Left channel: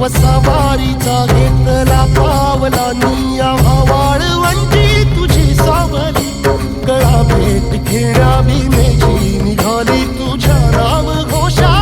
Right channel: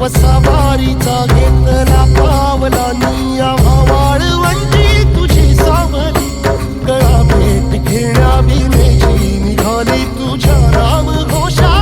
वसावारीचा घेतला पावलांनी आम्हा वाळवंटी तुझी सावली गळा भेट घेण्या भीमेची निघाली तुझ्या नाम घोषा